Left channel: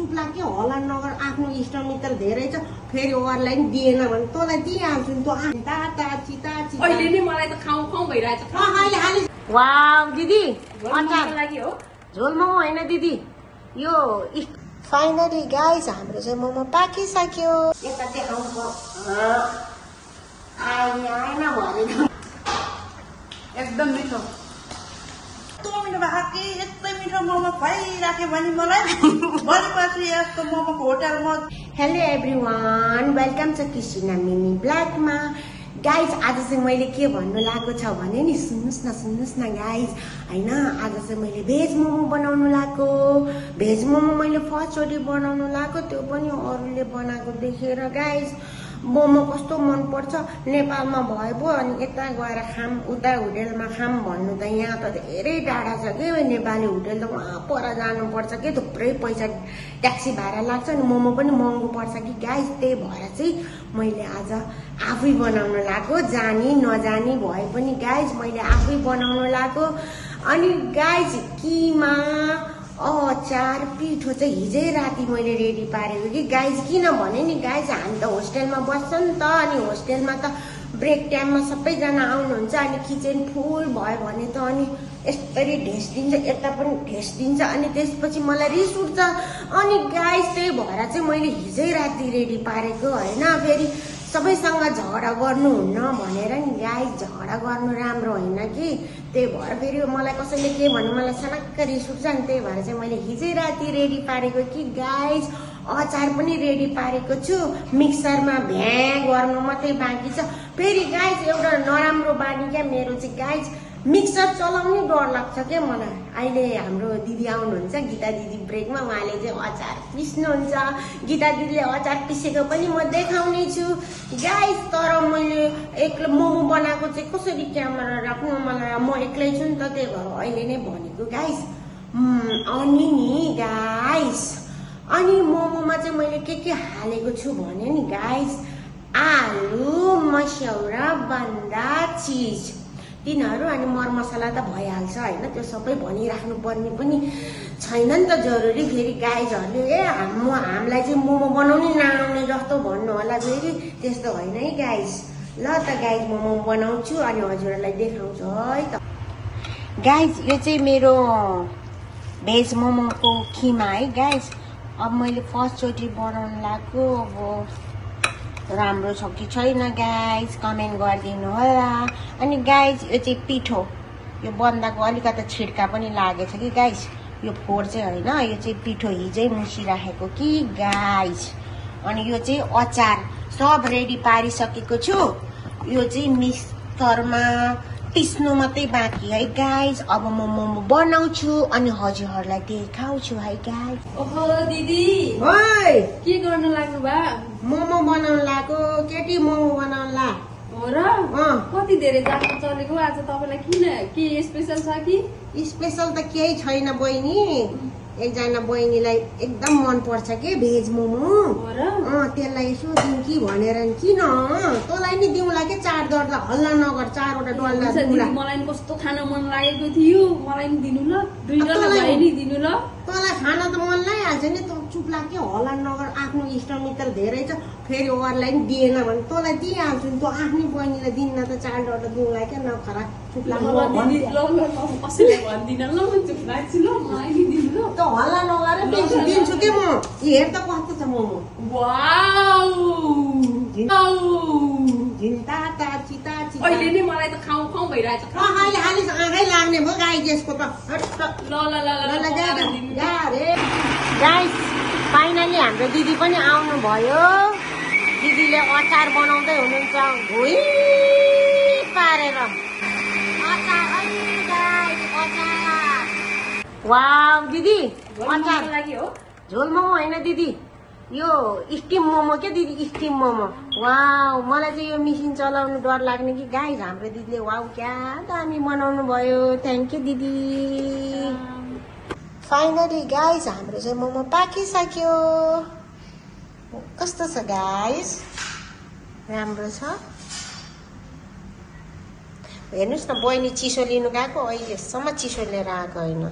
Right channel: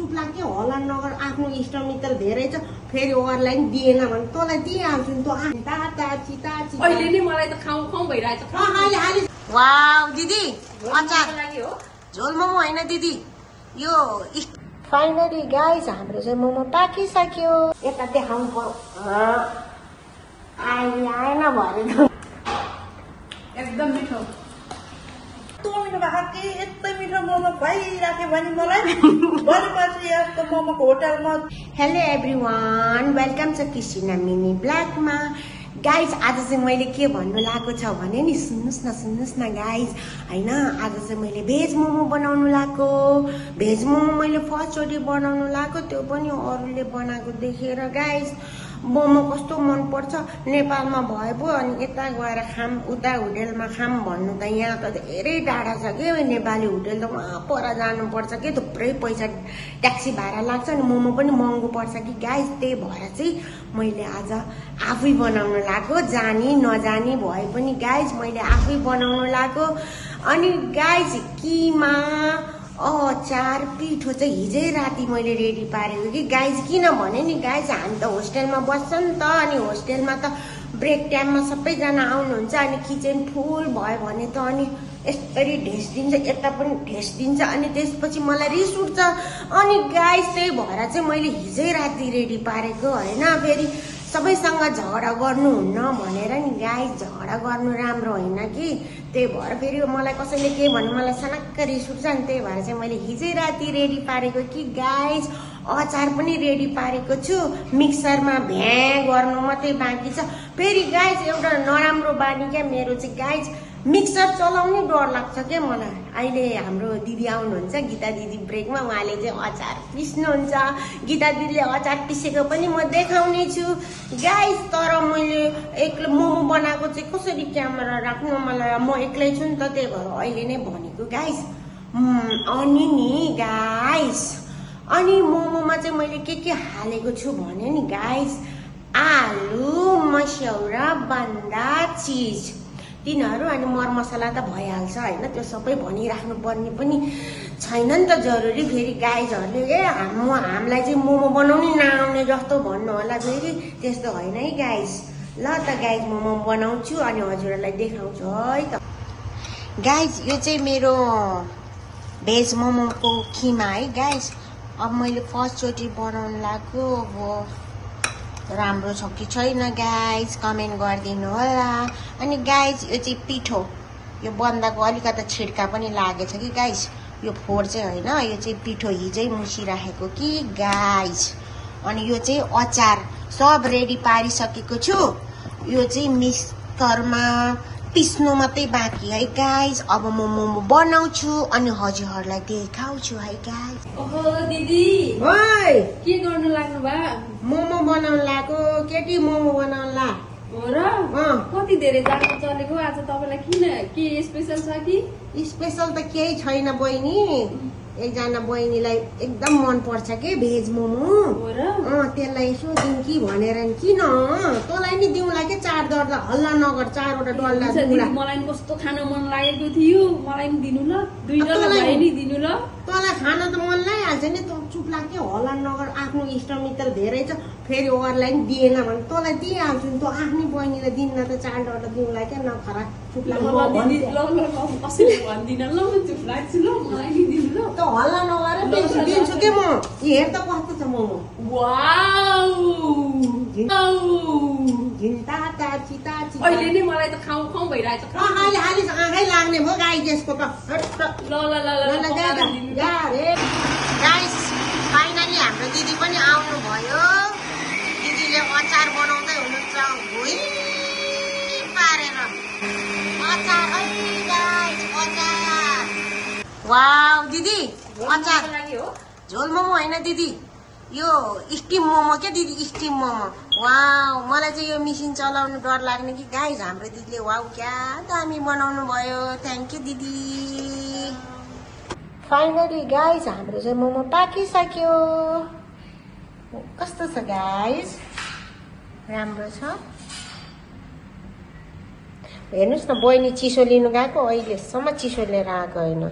चुप लाग्यो होला नगर आफ्नो इष्टमित्र धेरै छ फेरि अरूलाई नि दिएन भने तँलाई दिइहाल्छु नि त अहिले नि मलाई त खाउँ खाउँ भइरहेछ। वाउ दिदी अचार झोल मोमो होइन दिदी यो फाइनली गाइस हाम्रो चाहिँ मोमो पाकिसक्यो। यता देखाउनु पर्यो आएन भनेको एकदम मिठो। यस्तो मिठो भएको कि यस्तै मिठो मोमो भइराख्यो भने मलाई भोलिपछि यस्तो मोमोको होटलमा। हेलो एभ्रिवान वेलकम छ क्रिस्टिना मिनी ब्ल्याकमा। गाइज आज चाहिँ मैले के भन्नु लागेको छ भने नि सुन्नुहोस् न गाइज होइन। आज चाहिँ मैले भेज मोमो बनाउनु लागेको। भेज मोमो मैले फर्स्टचोटि बनाउनु लागेको त्यो पनि अरूले बनाएको देखेर। गाइज मोमो कस्तो मनपर्छ नेपालमा भए पो अनि यता गएर खाम उता होटेलमा खाम भन्नु त यहाँ त धेरै टाढा छ कि नेपाली होटेल त वहाँ पर जानुपर्छ कि थुप्रै पैसा ट्याक्सी भाडा लाग्छ अनि मोमो पनि महँगो पर्छ कि गाइज। त्यही भएर चाहिँ मैले आज आफै बनाउनु लागेको। जानी नजानी भए पनि गाइज मैले आफै बनाउनु लागेको। अनि गाइज किमा अचार पिठो चाहिँ हिजै राति मैले रेडी पारेको कि गाइज। किनभने नि गाइज हामी त होस्टेलमा बस्छ नि त अनि होस्टेलमा त ब्रेक टाइममा सबैजना आउनुहुन्छ अनि किचन फुल भयो भने त अनि यसरी ढेस दिन्छ यता पनि ढेस दिन्छ अनि त्यसपछि मलाई रिस उठ्छ अनि गाइज। त्यही भएर चाहिँ मैले हिजै राति रेडी पारेको होइन। फेरि सबैसँग झगडा गर्नुहुन्न भनेर नि गाइज झगडा गर्नु राम्रो होइन कि। त्यही भएर फेरि मलाई कसैले के भन्यो मलाई सनक्क रिस उठ्छ नि। त्यही भएर चाहिँ मैले हिजै राति रेडी पारेको कि गाइज। अचार पनि रेडी पारेको छु मिक्सरमा भ्या गर्नु मात्रै बाँकी छ। फेरि गाइज एउटा नराम्रो बानी क्या मेरो चाहिँ गाइज मिक्सर चलाउनै डर लाग्छ क्या मलाई। अहिले हाम्रो दिदी आउनुहुन्छ गीता दिदी ब्रेकमा उहाँले चाहिँ अचार पिस्नुहुन्छ। गीता दिदीले अचार पिसेको पनि म देखाउने छु गाइज। तर मैले एक्लै मोमो बनाएको चाहिँ कसरी क्यामेरा राख्नु मलाई म एक्लै छु नि त त्यही भएर अहिले नै भनेको गाइज। अनि नि गाइज अनि मोमोमा चाहिँ मैले के हालेको छु भने नि गाइज आलु मस्यौरा बन्दा चिज तिनीहरू अनि मरमसला त भइहाल्छ होइन। त्यो सबै भनिराख्नु पर्ने पनि छैन नि त जरुरी। फेरि गाइजहरूले हामीलाई चाहिँ मोमो बनाउनै नआउने जस्तो भन्नु होला फेरि त्यस्तो होइन है गाइज। ल त गाइज मोमो बनाउँछु अनि हजुरहरूलाई देखाउँछु है त। गाइज यो चाहिँ मेरो भेज मोमोको खिमा है गाइज। अब मैले फर्स्टचोटि बनाउनु लाग्यो अब राम्रो छ कि छैन गाइज कमेन्ट गरिदिनु होला। अनि गाइज यो चाहिँ पिठो यो बन्दाको अलिकति छिड्का पनि लागेछ कि गाइज। यो फोहोर चाहिँ होइन यो चाहिँ पिठो हिजै मुसिराखेको कि गाइज। अनि यो चाहिँ अचार सब रेडी पारिसकेको छु। यो चाहिँ मिक्सरमा पिस्नु मात्रै बाँकी है गाइज। अब म मोमो बनाउँछु अनि हजुरहरूलाई देखाउँछु है गाइज। ओहो दिदी के गर्नु लाग्नु भा? मोमो बनाउनु लाग्यो केटी मोमो बनाउनु ला र कति धेरै जानु चलेको आज तपाईँलाई किन के स्पेसल छ कि? स्पेसल त केही छैन बहिनी। एकजना बहिनीलाई एकदम मन पर्छ के भेज मोमो त्यसलाई यसो दिउँ कि भनेर किन तँलाई नि दिउँला कि चार डल्ला हल्ला नगर चारवटा डल्ला। मलाई कस्तो खान मन लागेको थियो मलाई नि दिनु ल 2 डल्ला भए नि दिनु ल। तँलाई खान त मन लागिहाल्छ नि त चुप लाग्यो हल्ला नगर आफ्नो इष्टमित्र धेरै छ फेरि अरूलाई नि दिएन भने तँलाई दिइहाल्छु नि। त आफ्नै बहिनीलाई दिन्न त चार डल्ला दिउँला क्या नखरा चुप लाग्यो कसैले भन्दिन ल म चुप लाग्छु ल मलाई नि दिनु ल। त हल्ला नगर दिन्छु के म। हेर त कस्तो छ मोमो। अहिले नि मलाई त खाउँ खाउँ भइरहेछ। आँखै लाग्ने भयो गाई त्यसको त। फाइनली हाम्रो दिदी पनि आउनु भयो। दिदीले अचार बनाउँदै हुनुहुन्छ भुइँ पारेर अचार। अचार वाउ दिदी अचार झोल मोमो होइन दिदी यो स्टिम मोमो क्या दिदी स्टिम मोमो। वाउ मलाई चाहिँ यो मिसिन चलाउनु डर लाग्ने कि गाइज। हाम्रो दिदीले वाउ क्या दामी बनाउनु भयो थ्याङ्क यू दिदी। फाइनली गाइज हाम्रो चाहिँ मोमो पाकिसक्यो। कस्तो छ गाइज राम्रो छ। हेर्नुहोस् न बहिनी चिसो लिनु गएको अहिलेसम्म चिसो लिएर आएको होइन।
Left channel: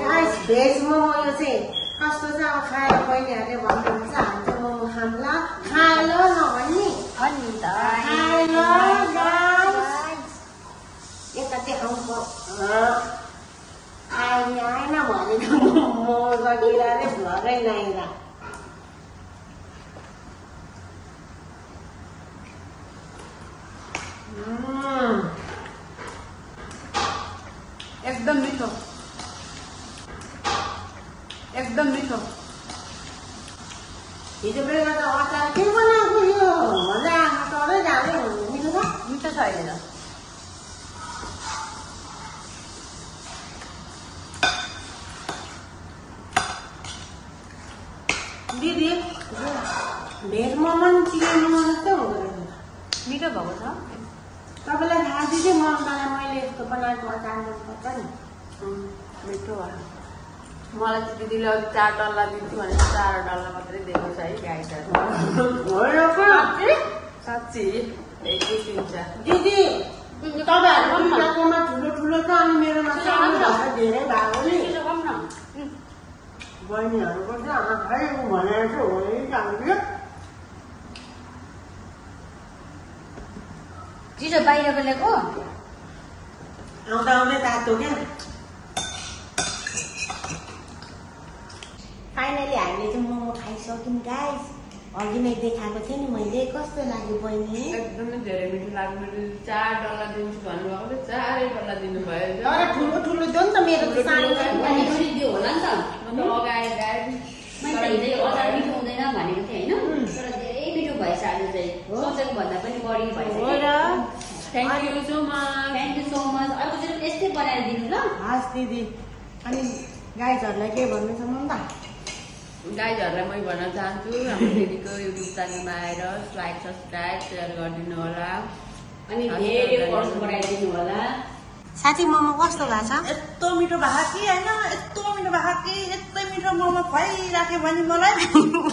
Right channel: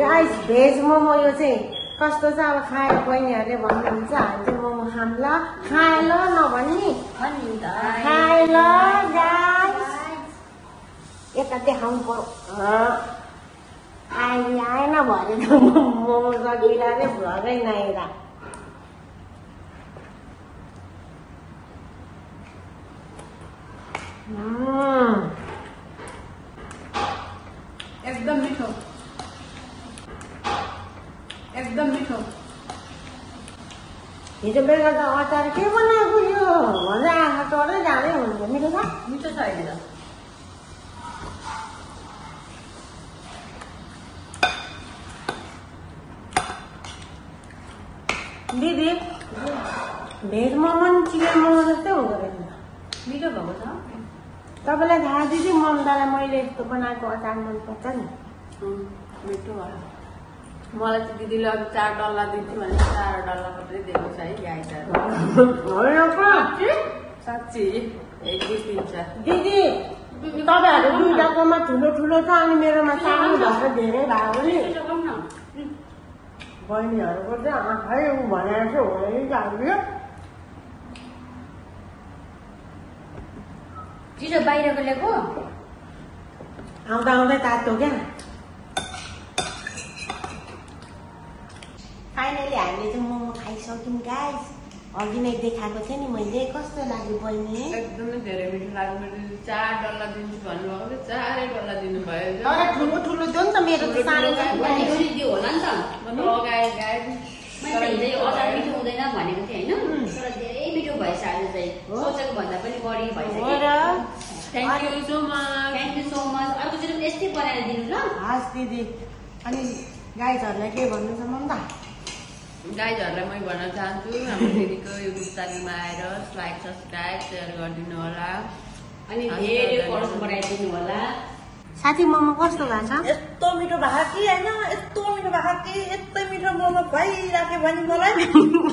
गाइस भेज मोमो यो चाहिँ कस्तो छ अब खाएर बहिनीहरूले भन्नुहुन्छ हामी चाहिँ मोमो खाम ल खाए ल नभन्ने खाए ल गाइस यता देखाउनु पर्यो आएन भनेको मोमो सकेर अरे भ्लगै नआएर एकदम मिठो एकदम मिठो हिजो बेलुका त अचार के बनाएको यो भनेर आँखा टरै जाँदै हुन्छ मिठो छ मिठो छ अहिले त दिदी भेज मोमो नि चिकन मोमो जस्तै हुँदो रहेछ मिठो भएको छ तपाईँलाई थाहा दिदी ममतालाई मैले यस्तो बनाएको अचार मनपर्छ नि मिठो मलाई चाहिँ दिदीले अघि 4 डल्ला दिन्छु भने 4 डल्ला मात्रै दिएको छ है गाईहरू साँच्ची 1 2 3 4 दिदी तपाईँहरू दुईजनाकोमा ठुलो ठुलो छ अनि मेरोमा सानो भएर धेरै भएको नि बहिनीहरूको चाहिँ आँखै भनेर चाहिँ होइन जान्थ्यो चिजो बाहिर बोलेको आउँदा आउँदै तातो क्या फाइनली हामीले चाहिँ मोमो खाइसक्यौँ गाइस अघि नै देखाएको थिएँ नि मैले कस्तो लाग्यो बहिनी एकदमै धेरै मिठो लाग्यो मैले 4 डल्ला दिन्छु भन्नुभएको थियो 4 डल्ला दिनुभयो तर ठुलो ठुलो थियो नि त मेरो त सानो दियो होला नि त म त अगाए गाए मैले अचार मिठो हुँदैन भनेको थिएँ होइन तर धेरै मिठो भएछ आज चाहिँ सोचेको भन्दा पनि बढी भइसक्यो थ्याङ्क यू सो मच अर्को चाहिँ यस्तै बनाएर दिनु ल हस् दिदी अनि गाइजहरूलाई के भन्नु छ ममता गाइजहरूलाई म भन्न चाहन्छु हाम्रो दिदीको युट्युब च्यानलमा आएर लाइक सब्सक्राइब सेयर गरिदिनु होला अनि धेरै फलोअर्स बढाइदिनु होला साथी मोमो कस्तो भएको छ यस्तो मिठो भएको कि होइन यस्तो मिठो भएको कि यस्तै मिठो मोमो खुवाइराख्यो भने मलाई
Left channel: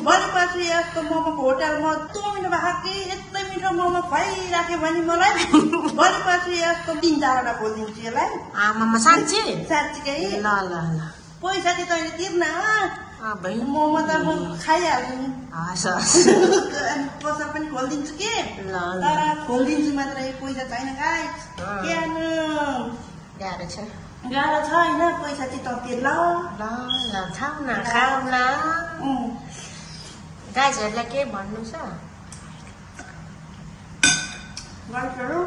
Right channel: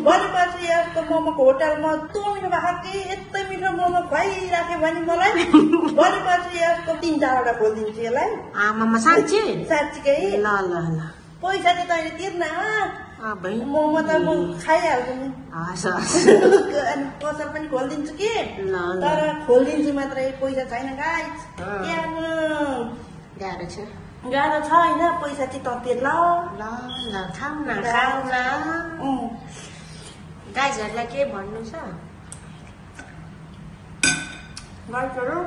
भोलि पछि यस्तो मोमोको होटलमा यस्तो मिठो भएको कि यस्तै मिठो मोमो खुवाइराख्यो भने मलाई भोलि पछि यस्तो 3-4वटा खोलिदिन्छु यसलाई आमामा साँच्ची साँच्चीकै ल ल ल पैसा चाहिँ तैँले तिर्न भाइ मोमो त म खाइहाल्छु नि हस् हस् अनि पसल पनि खोलिदिन्छु कि ल तर खोलिदिन्छु मात्रै पैसा छैन गाइस गाह्रो छ गाह्रो छ होइन पैसा चाहिँ त तिर् ल ल ल खाऊ न गाइजहरूलाई के भन्नु छ गाइसहरू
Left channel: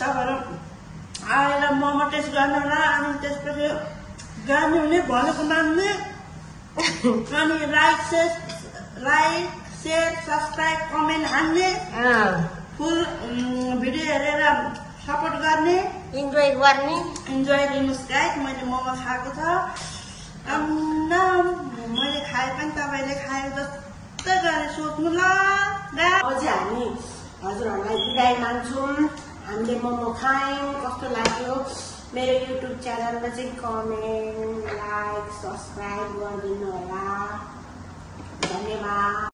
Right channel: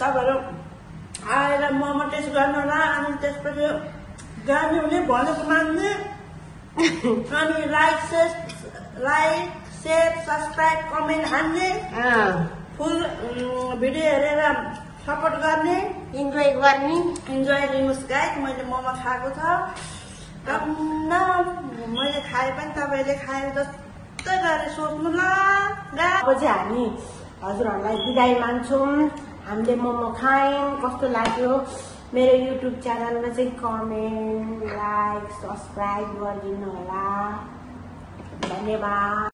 तपाईँहरू आएर मोमो टेस्ट गर्नु होला अनि त्यसपछि गार्मीले भनेको मान्ने अनि लाइक सेयर सब्सक्राइब कमेन्ट हान्ने फुल भिडियो हेरेर सपोर्ट गर्ने इन्जोय गर्ने इन्जोय दिनुहोस् गाइस मैले मोमो खाएको छ मैले खाए पनि तपाईँले खाए जस्तै गरेर सोच्नु ल अब चाहिँ हामी हजुरहरूलाई बिदाई मान्छौँ हामीले मोमो खायौँ कस्तो लाग्यो मेरो युट्युब च्यानलमा चाहिँ कमेन्ट लाइक सब्सक्राइब गरिदिनु होला धन्यवाद